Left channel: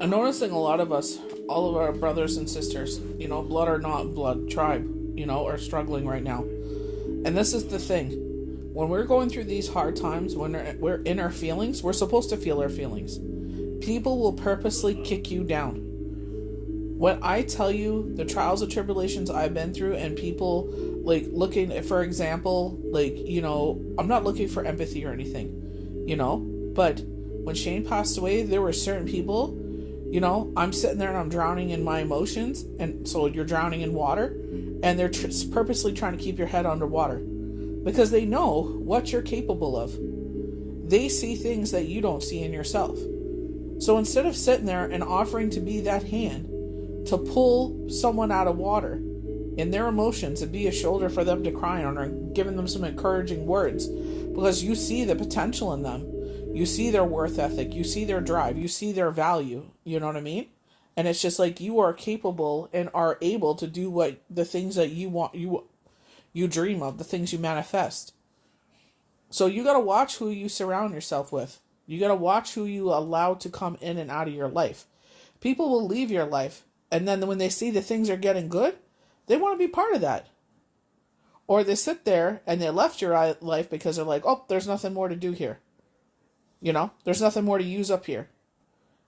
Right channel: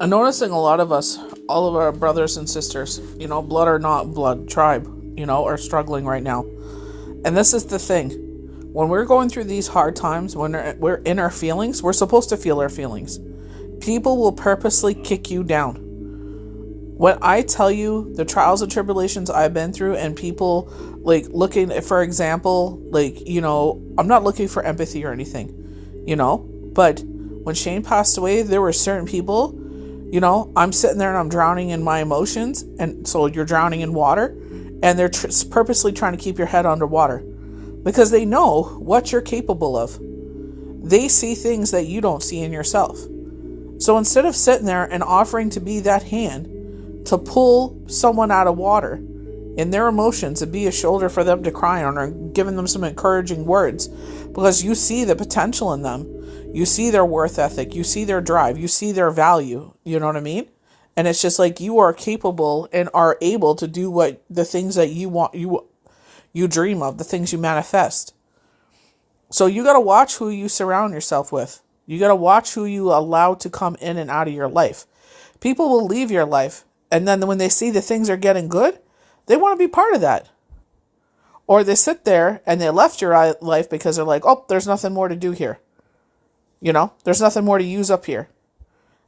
I'm noticing a lot of us, all of our brothers and sisters, blood or not blood, tribe, are struggling right now. And this is the thing. When we're going through these hard times, when we're in our feelings, we're supposed to feel our feelings. People will purposely kick you down. When I tell you the trials and tribulations I've been through, and people looking, for example, I'm not looking for empathy or anything, but when Shane passed away, there were certain people, I'm sitting there and I'm drowning in my emotions, and so you're drowning in water, and they're purposely trying to keep your head underwater because they know what you're capable of. They see things that you don't see in yourself. So instead of sitting there and offering to be that hand to pull someone out of water in their emotions and be a shoulder for them to cry on, or giving them some encouraging words because you see the potential in them, you see their worth ethic, you see their drive, you see their value, you know what I mean? And it's just like you are capable and are able to do what the things that you want, you dream of, the things you manifest. So you got to watch who you surround yourself with. You got to watch who you allow to come in and out of your life. People will leave your life, and then when they see the things are getting good, they want to be part of that. Or they sit there and they left your life because they're like, oh, there's nothing more to do here. There's nothing more to use up here.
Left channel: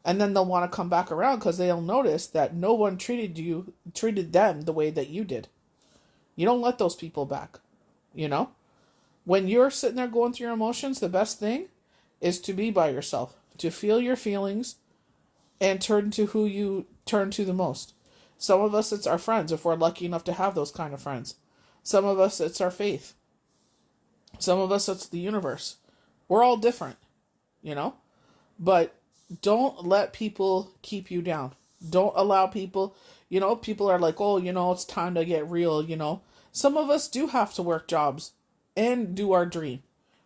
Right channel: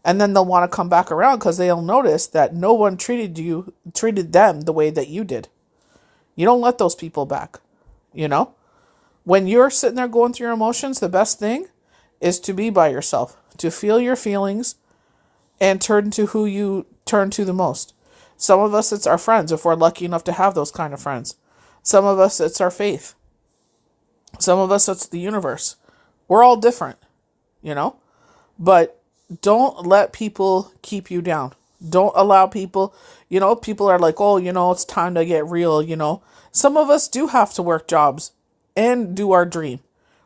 And then they'll want to come back around because they'll notice that no one treated them the way that you did. You don't let those people back. When you're sitting there going through your emotions, the best thing is to be by yourself, to feel your feelings and turn to who you turn to the most. Some of us, it's our friends, if we're lucky enough to have those kind of friends. Some of us, it's our faith. Some of us, it's the universe. We're all different, but don't let people keep you down. Don't allow people, people are like, oh, it's time to get real, Some of us do have to work jobs and do our dream.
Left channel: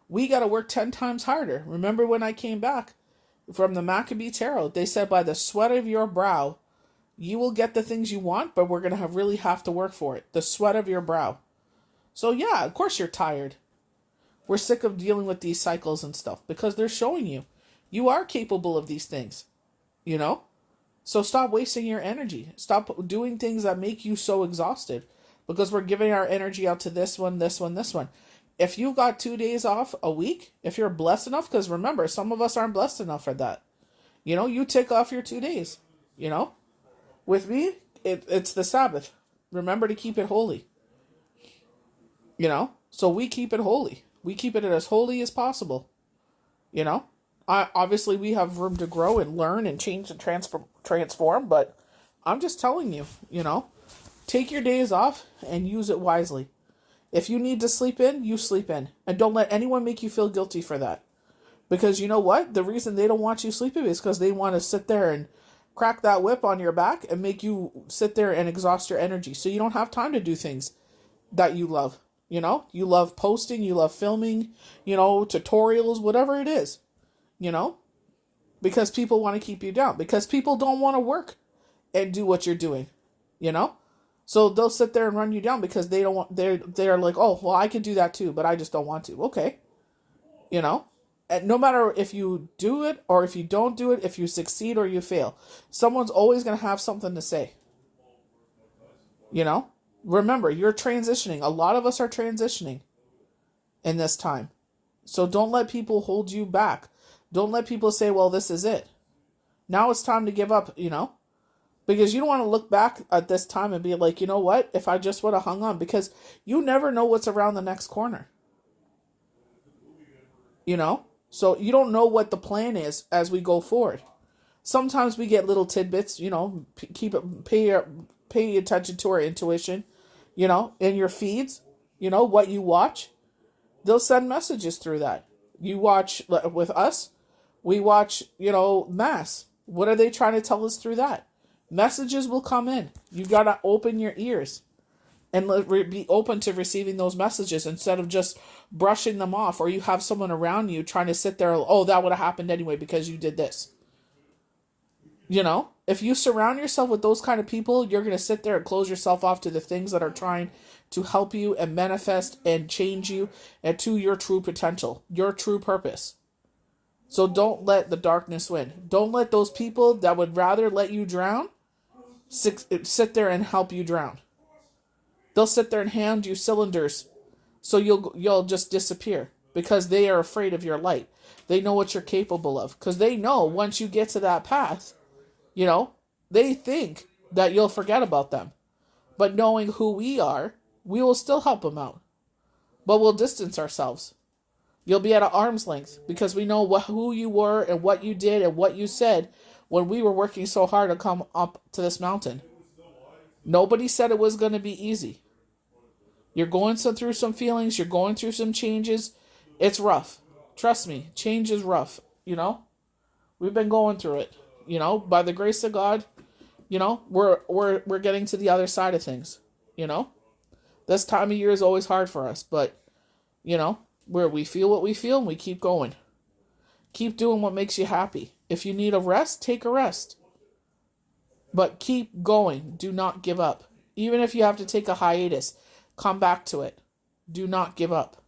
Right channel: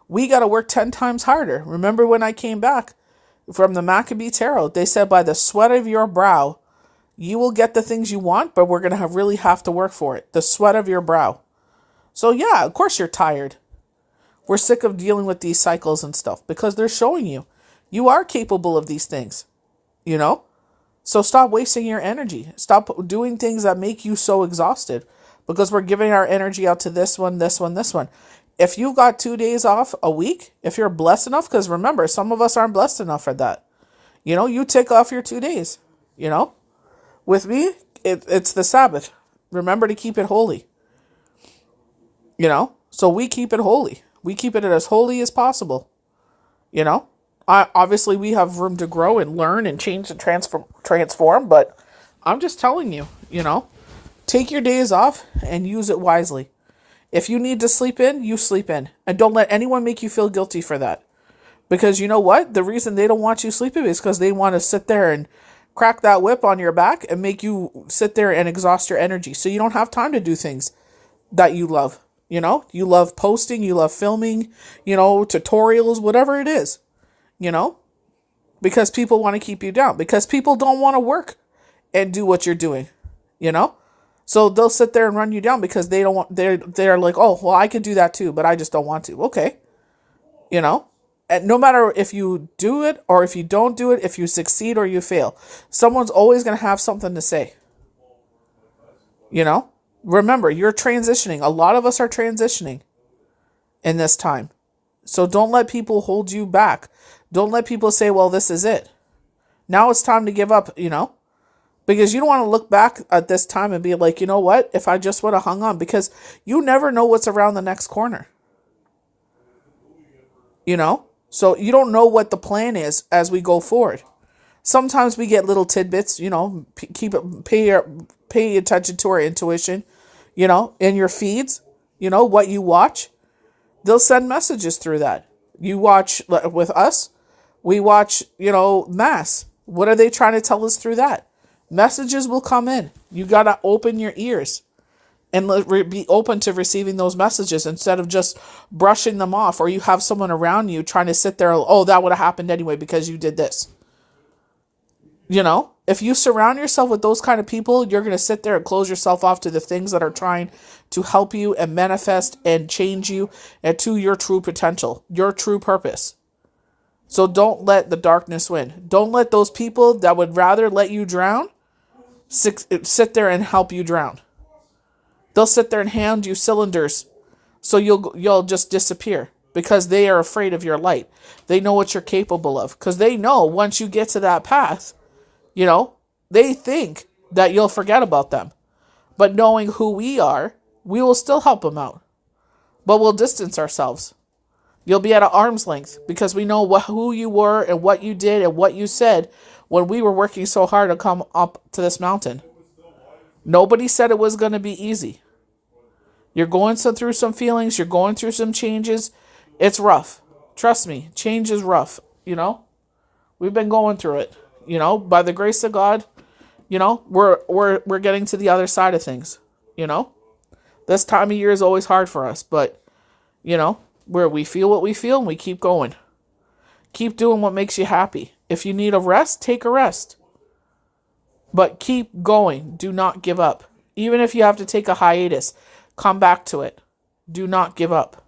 We got to work 10 times harder. Remember when I came back from the Maccabee Tarot, they said by the sweat of your brow, you will get the things you want, but we're going to really have to work for it. The sweat of your brow. So yeah, of course you're tired. We're sick of dealing with these cycles and stuff because they're showing you are capable of these things, So stop wasting your energy. Stop doing things that make you so exhausted because we're giving our energy out to this one, this one, this one. If you got 2 days off a week, if you're blessed enough, because remember, some of us aren't blessed enough for that. You take off your 2 days, With me, it's the Sabbath. Remember to keep it holy. So we keep it holy. We keep it as holy as possible. Obviously we have room to grow and learn and change and transform, but I'm just telling you, take your days off and use it wisely. If you need to sleep in, you sleep in. And don't let anyone make you feel guilty for that. Because you know what? The reason they don't want you sleeping is because they want to sit there and crack that whip on your back and make you sit there and exhaust your energy. So you don't have time to do things that you love. You love posting, you love filming, tutorials, whatever it is, because people want to keep you down, because people don't want to work and do what you're doing, So they'll sit there and run you down because they don't want, they're like, oh, well, I can do that too, but I just don't want to. Okay. And no matter if you do it or if you don't do it, if you succeed or you fail, someone's always going to have something to say. Remember, you're transitioning. A lot of us are transitioning in this time. So don't let people hold you back. Don't let people say, well, this is it. Now it's time to give up, because you don't want to look back at this time and be like, you know what, if I just would have hung on, because you never know what's around the next corner. So you don't know what the plan is as we go forward. Sometimes we get little tidbits, pay attention to our intuition, in your feeds, what you watch. They'll send messages through that. You watch with us, we watch, Mass. What are they trying to tell us through that? Messages will come in. You got to open your ears and be open to receiving those messages instead of just brushing them off, or you have someone around you trying to sit there, oh, that would have happened anyway because you did this. If you surround yourself with those kind of people, you're going to sit there and close yourself off to the things that are trying to help you and manifest and change you and to your true potential, your true purpose. So don't let the darkness win. Don't let those people that would rather let you drown sit there and help you drown. They'll sit there and hand you cylinders so you'll just disappear because they are afraid of your light. They know what you're capable of because they know once you get to that path, they think that you'll forget about them. But knowing who we are, we will still help them out. But we'll distance ourselves. You'll be at an arm's length because we know who you were and what you did and what you said when we were working so hard to come up to this mountain. Nobody said it was going to be easy. You're going through some feelings. You're going through some changes. It's rough. Trust me, change is rough. We've been going through it. By the grace of God, we're getting to the other side of things. This time of year is always hard for us, but where we feel what we feel and we keep going. Keep doing what makes you happy. If you need a rest, take a rest. But keep going. Do not give up. Even if you have to take a hiatus, come back to it. Do not give up.